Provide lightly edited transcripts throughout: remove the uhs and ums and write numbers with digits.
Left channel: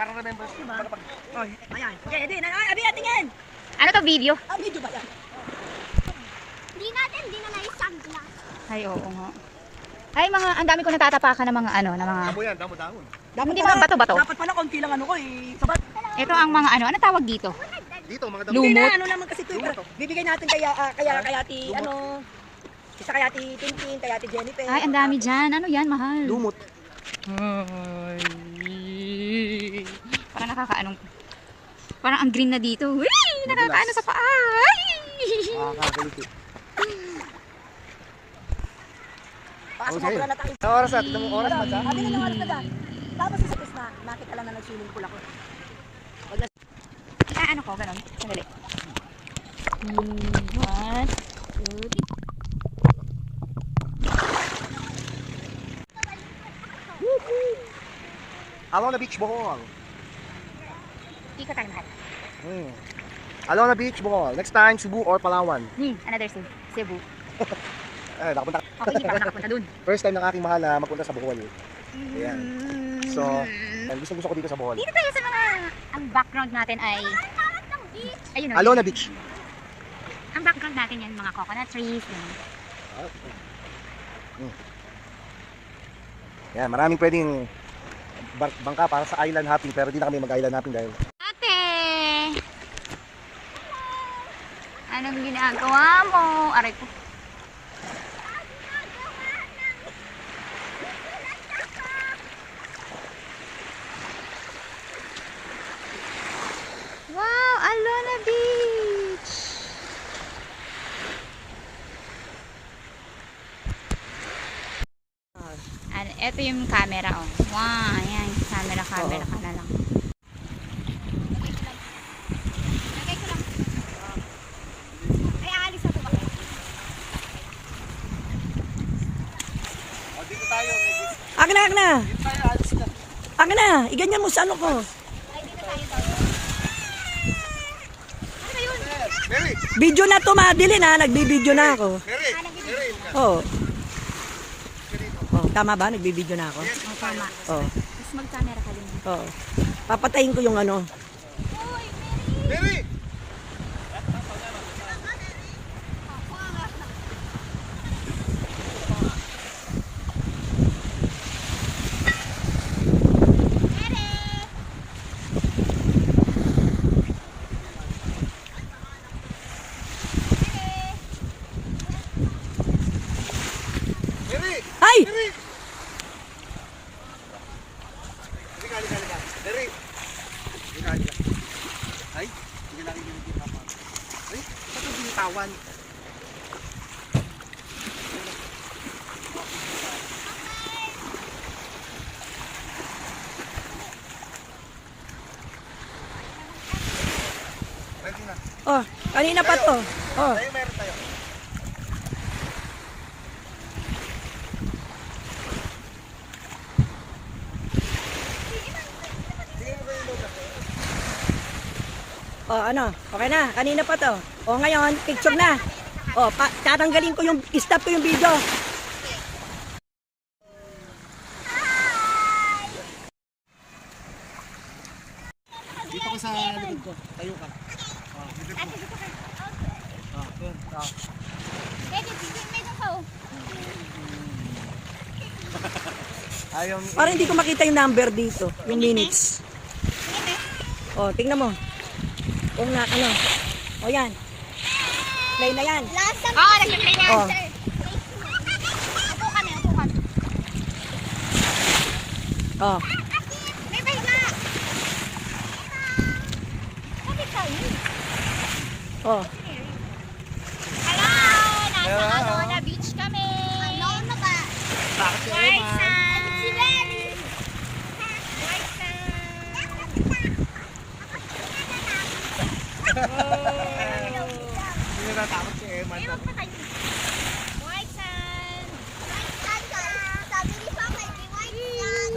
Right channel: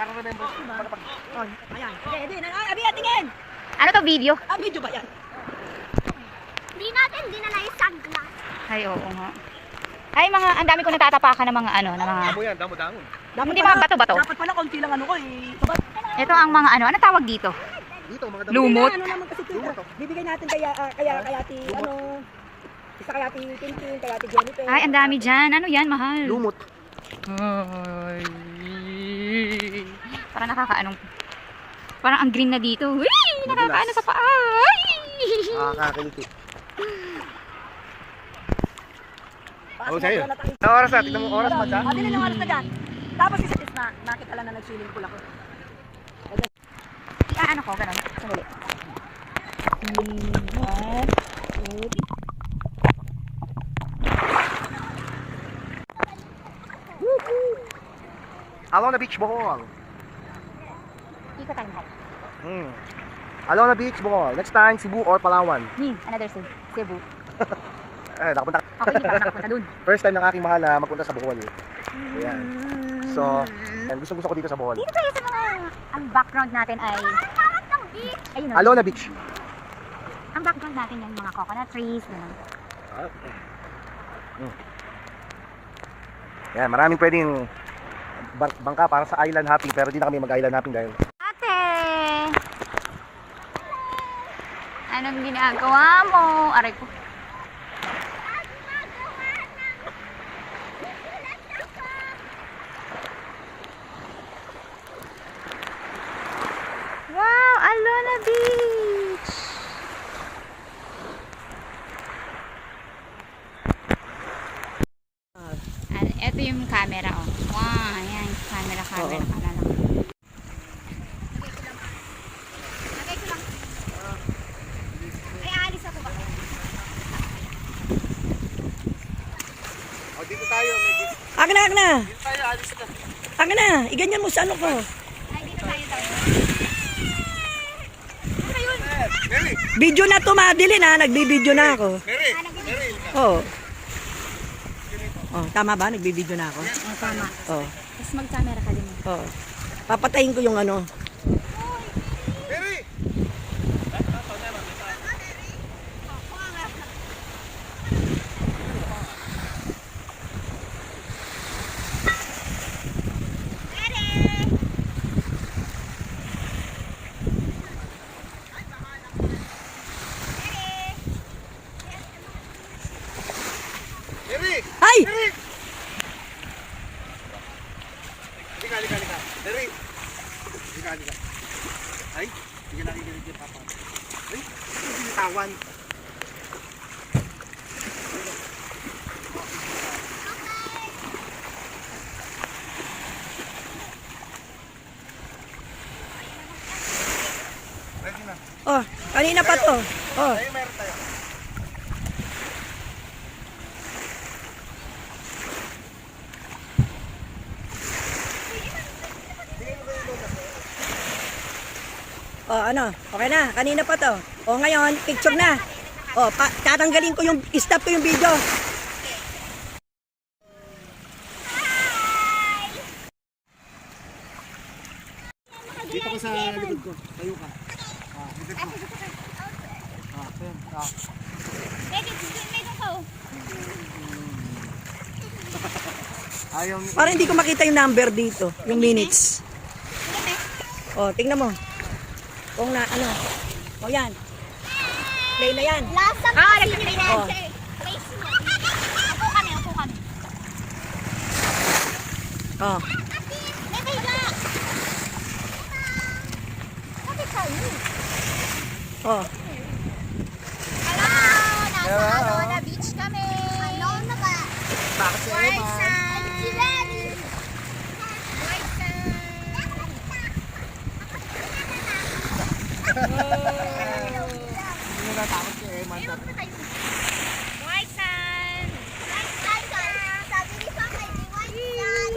Para remembers. Ayan. Sige, din. Abi, tingin. Ano to, video? Video ba yan? Hindi na lang yung sunglass. Ay, oo nga. Ay, ang dami ko natatapakan ng mga ano, ng mga... Damo yan, damo-damo. Hindi mga bato-bato. Dapat pala konti lang ano ko eh. Sabat. Ito ang mga ano, ano tawag dito? Dito, mga damo. Lumot. Ano naman kasi ito. Bibigay natin kaya ti ano. Isa kaya ti Tintin, kaya ti Jennifer. Ay, ang dami dyan. Ano yan, mahal? Lumot. Ay. Parang nakakaanong... Parang ang green na dito. Uy! Nakakaano sa paa. Ay! Kakakiliti. Paas mo sa'yo. na tayo. Ang oras na, tignan mo oras pa dyan. Abi na ng oras na dyan. Tapos is na, nakita lang na nag-swimming pool ako. Ano ko, ganun. Sandali. Alona Beach, Bohol. Ikot tayo mahal. Alona Beach, Bohol. Next time, Cebu or Palawan. Another Cebu. Nakapunta. Okay, hindi pa ako nakapunta dun. First time ng aking mahal na magpunta sa Bohol. Ayan. So, gusto ko dito sa Bohol. Dito tayo sa mga... Ang background natin ay... Ayun o. Alona Beach. Ang background natin yan, mga coconut trees. Yan, maraming pwedeng bangka para sa island hopping pero di na kami mag-island hopping dahil Ate! Anong ginagawa mo? Aray ko. Wow! Alona Beach! Ito yung camera, oh. Wow! Ayan. Camera ka na lang. Ay, aalis na po ba kayo? dito tayo, Akin na. dito tayo, alis na. Akin na. Iganyan mo sa ano ko. Mary! Video na to, madilin ha. Nagbibideo na ako. Mary! Oo. Oh, tama ba? Nagbibideo na ako? Oh, tama. Oo. Tapos mag-camera ka din. Oo. Papatayin ko yung ano. Mary! Mary! Ay! Halika. Mary! Halika. Ay, hindi ka nakikinig yung papa. Ay, ba't yung binitawan? Ready na. Oh, kanina pa to. Oh. Tayo, meron tayo. Oh, ano? Okay na. Kanina pa to. Oh, ngayon, picture na. Oh, tatanggalin ko yung, stop ko yung video. Dito ko sa likod ko. Tayo ka. Dito ka. Yun. Pwede, dito ko. Ayaw ni... Parang hindi ko makita yung number dito. Yung minutes. Oh, tingnan mo. Kung na, ano. Oh, yan. Play na yan. Last time. Nag-play na. Oh. Upo kami. Oh. Bebe na. Sabi tayo. Oh. Hello! Nasa Alona Beach kami. Alona ba? Bakit yung White naman? sand. Si Lenny. White sand. Hindi na takot si Emma. White sand. White sand. Sabi ni Papa, white sand.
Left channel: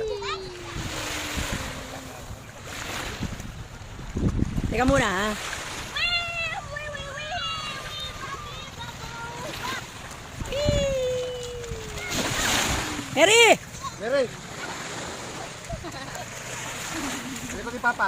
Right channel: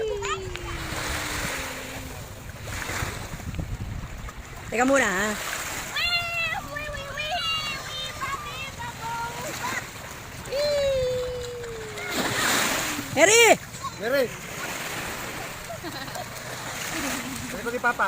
Teka muna ha. Mary! Mary! Mary ko ni Papa.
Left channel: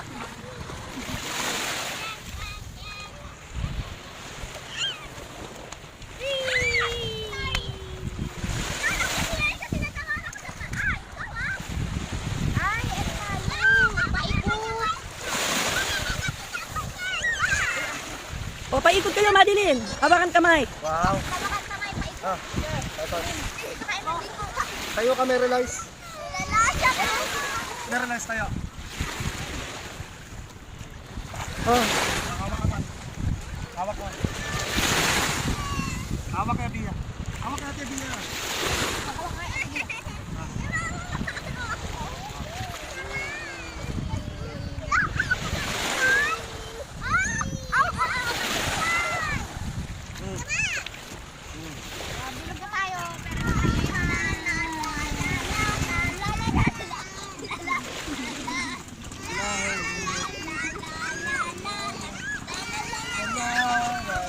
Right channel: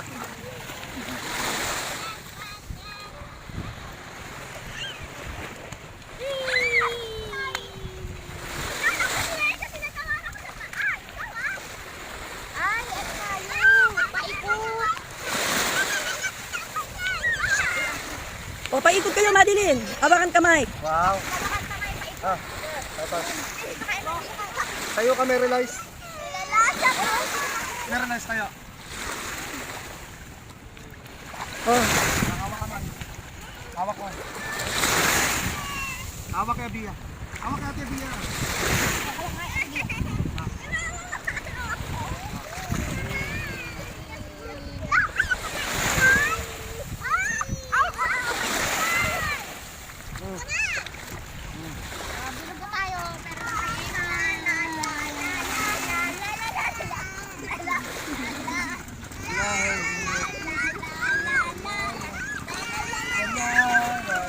Ay, at tayo. Paikot. O, paikot kayo, Madeline. Hawakan kamay. Wow. Kabakan kamay, paikot. Ah, ito. Ay, saka na dito. Tayo ka, Mary Lice. Lalasa ko. Mary Lice tayo. Oh, Hawak ka man. Hawak ko. Hawak kay Bia. Hawak kay Ate Bia. Bilog na tayo, pero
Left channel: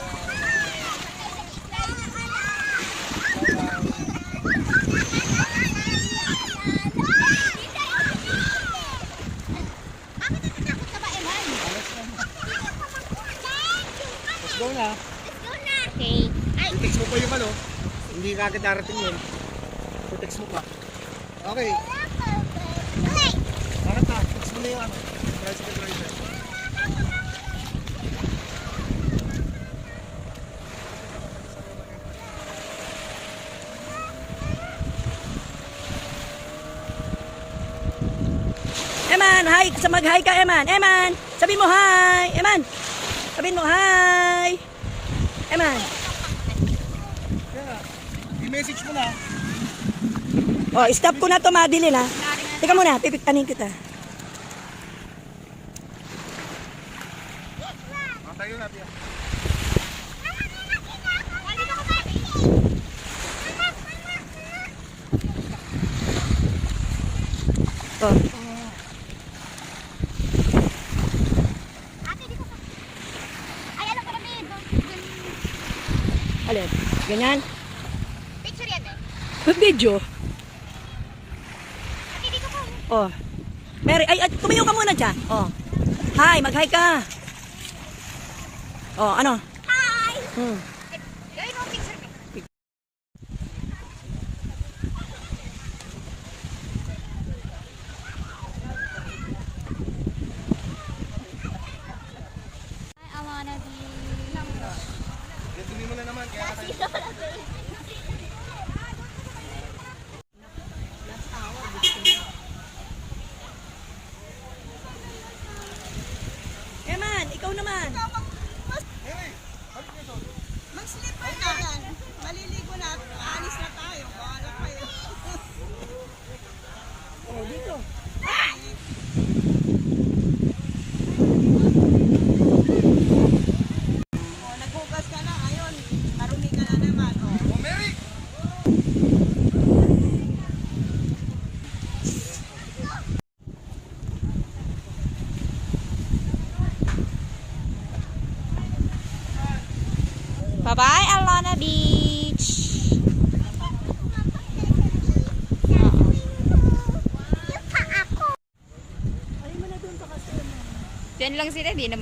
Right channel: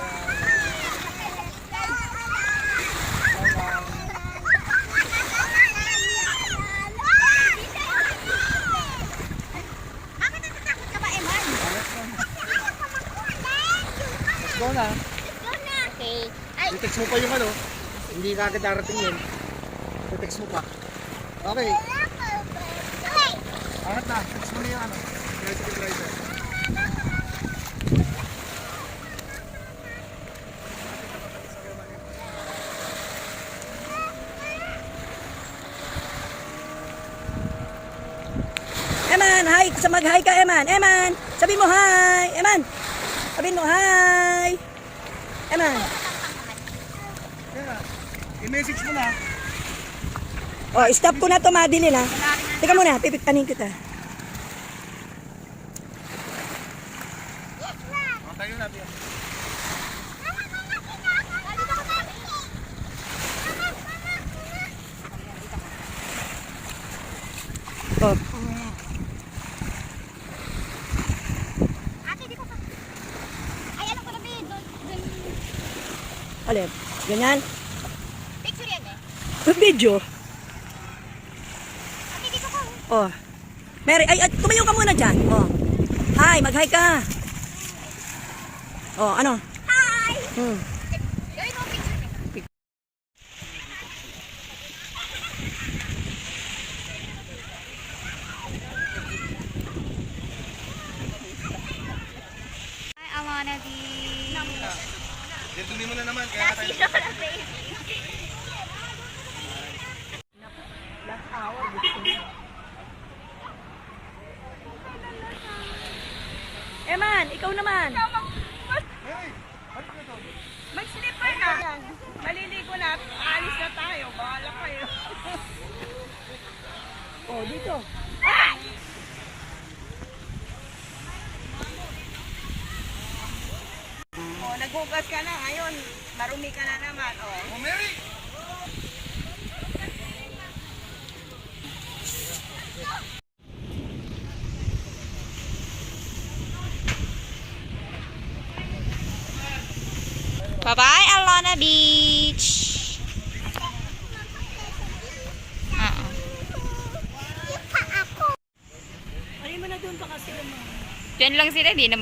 bakit natatakot ka ba, Eman? Let's go na. Okay. Ay, I-text mo pa yung ano. Hindi ka agad darating yun. I-text mo pa. Okay. okay. Angat na. Text mo na yung ano. Tricycle rider. Eman, hi. Sa mag-hi ka, Eman. Eman, sabi mo hi. Eman, sabi mo hi. Eman. Yeah. I-message mo na. Oh, stop ko na to, Madeline, ha. Teka muna, pipitanin kita. Tayo na, Bia. Oh. Ate, dito ka. Ay, ano pala, babe? Alin? Ganyan? Picture yan eh. Video. Ate, dito ka. Oh. Mary, ay, tumayo ka muna dyan. Oh. Hi, mag-hi ka. Oh, ano? Hi! Hmm. Gawin mo ang picture. I wanna be... Yan, dumi mo na naman. Kaya tayo. Sino na, babe? Eman, ikaw naman. Mary, balik na doon. May slipper na. Maliligo na. Alis na tayo. Bahala kayo. Oh, dito. O, naghugas ka na. Ngayon, marumi ka na naman. O. Oh, Mary! Bye-bye, Alana Beach. Alin mo na doon pa kasi. Diyan lang sila, di na